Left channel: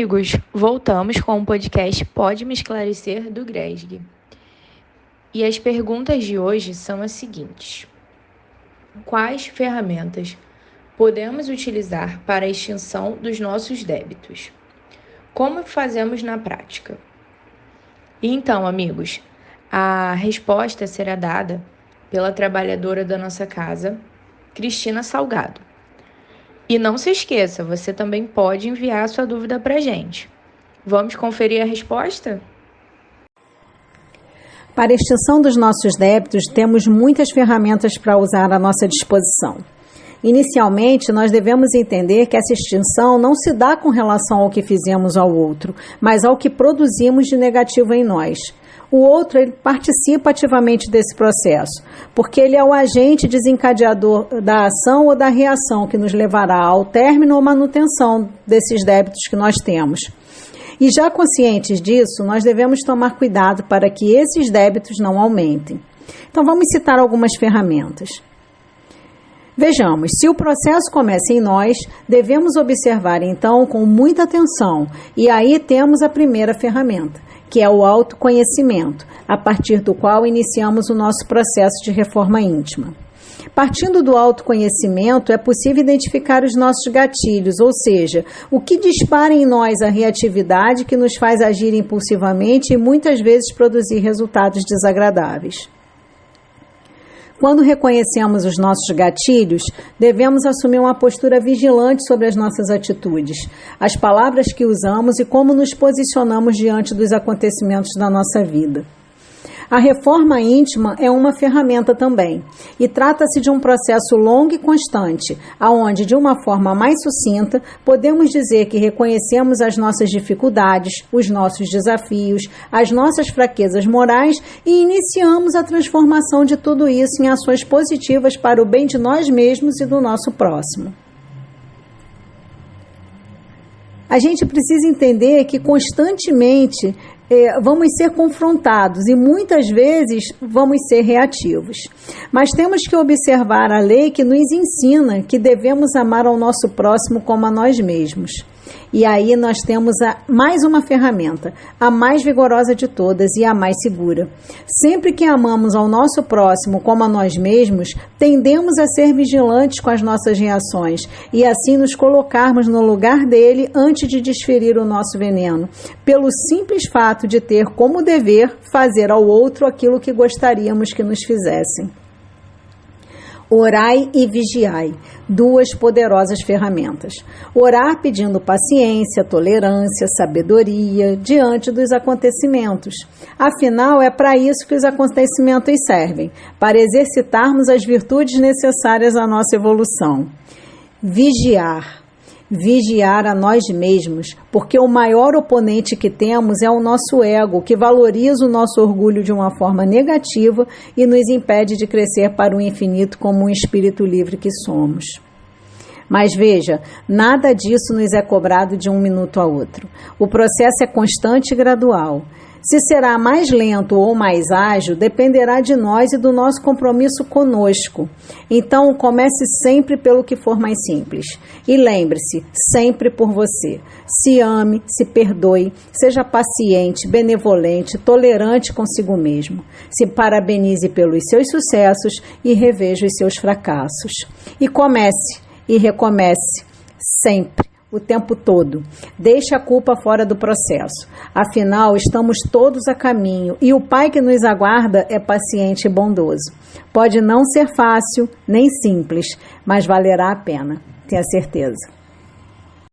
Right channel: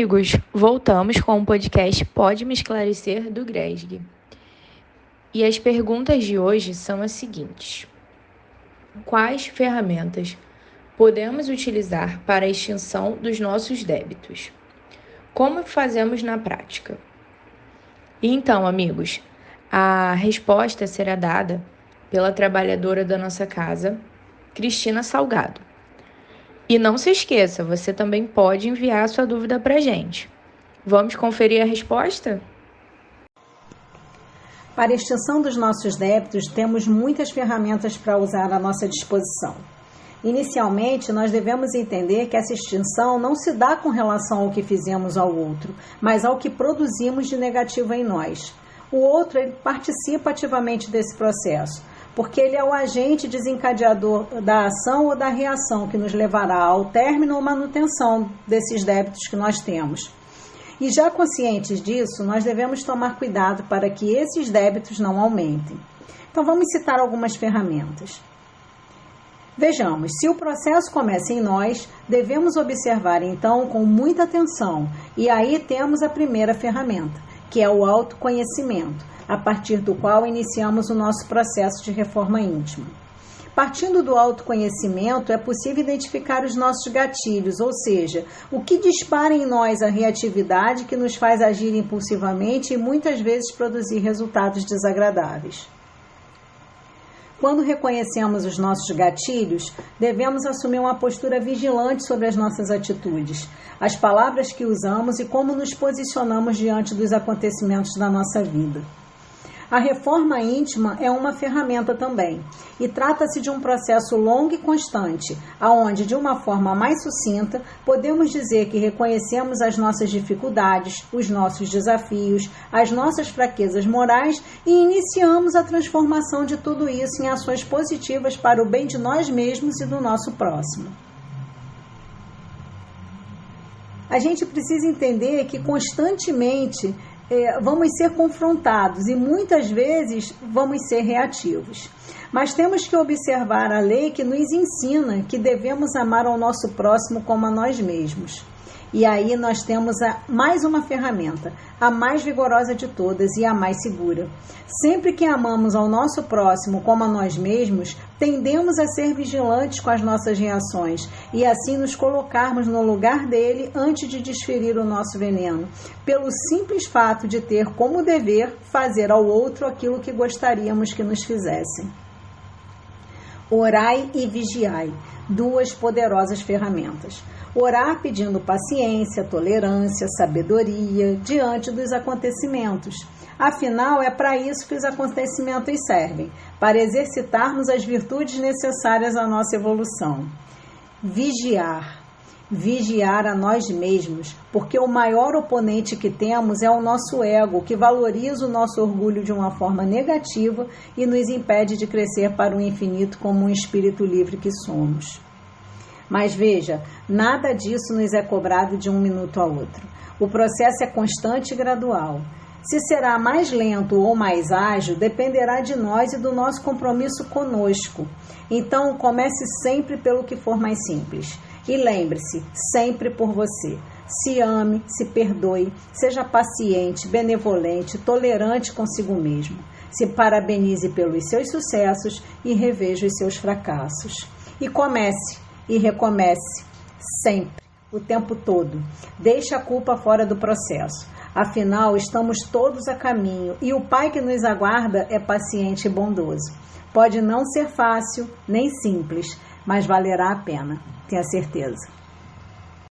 amigos, voltamos com o podcast Pode Me Esclarecer do GRESG. E as perguntas de hoje são as seguintes: quais ferramentas podemos utilizar para a extinção dos nossos débitos? Como fazemos na prática? Então, amigos, a resposta será dada pela trabalhadora da nossa casa, Cristina Salgado. E não se esqueça, você também pode enviar a sua dúvida para a gente. Vamos conferir a resposta? Para a extinção dos nossos débitos, temos muitas ferramentas para usar à nossa disposição. Inicialmente, nós devemos entender que essa extinção não se dá com relação ao que fizemos ao outro, mas ao que produzimos de negativo em nós. O outro, ele participa ativamente desse processo, porque ele é o agente desencadeador da ação ou da reação que nos levará ao término ou manutenção desses débitos que nós temos. E já conscientes disso, nós devemos tomar cuidado para que esses débitos não aumentem. Então, vamos citar algumas ferramentas. Vejamos, se o processo começa em nós, devemos observar então com muita atenção. E aí temos a primeira ferramenta, que é o autoconhecimento, a partir do qual iniciamos o nosso processo de reforma íntima. Partindo do autoconhecimento, é possível identificar os nossos gatilhos, ou seja, o que dispara em nós a reatividade que nos faz agir impulsivamente e muitas vezes produzir resultados desagradáveis. Quando reconhecemos os nossos gatilhos, devemos assumir uma postura vigilante sobre as nossas atitudes, as palavras que usamos e como nos posicionamos diante dos acontecimentos da nossa vida. A reforma íntima é uma ferramenta também, e trata-se de um processo longo e constante, onde, de uma forma mais sucinta, podemos dizer que reconhecemos as nossas dificuldades, os nossos desafios, as nossas fraquezas morais e iniciamos a transformação de tudo isso em ações positivas para o bem de nós mesmos e do nosso próximo. A gente precisa entender que constantemente vamos ser confrontados e muitas vezes vamos ser reativos. Mas temos que observar a lei que nos ensina que devemos amar ao nosso próximo como a nós mesmos. E aí nós temos mais uma ferramenta, a mais vigorosa de todas e a mais segura. Sempre que amamos ao nosso próximo como a nós mesmos, tendemos a ser vigilantes com as nossas reações e assim nos colocarmos no lugar dele antes de desferir o nosso veneno, pelo simples fato de ter como dever fazer ao outro aquilo que gostaríamos que nos fizessem. Orai e vigiai, duas poderosas ferramentas. Orar pedindo paciência, tolerância, sabedoria diante dos acontecimentos. Afinal, é para isso que os acontecimentos servem, para exercitarmos as virtudes necessárias à nossa evolução. Vigiar a nós mesmos, porque o maior oponente que temos é o nosso ego, que valoriza o nosso orgulho de uma forma negativa e nos impede de crescer para o infinito como um espírito livre que somos. Mas veja, nada disso nos é cobrado de um minuto a outro. O processo é constante e gradual. Se será mais lento ou mais ágil, dependerá de nós e do nosso compromisso conosco. Então, comece sempre pelo que for mais simples. E lembre-se, sempre por você. Se ame, se perdoe, seja paciente, benevolente, tolerante consigo mesmo. Se parabenize pelos seus sucessos e reveja os seus fracassos. E comece e recomece, sempre, o tempo todo. Deixe a culpa fora do processo. Afinal, estamos todos a caminho e o Pai que nos aguarda é paciente e bondoso. Pode não ser fácil, nem simples, mas valerá a pena, tenha certeza.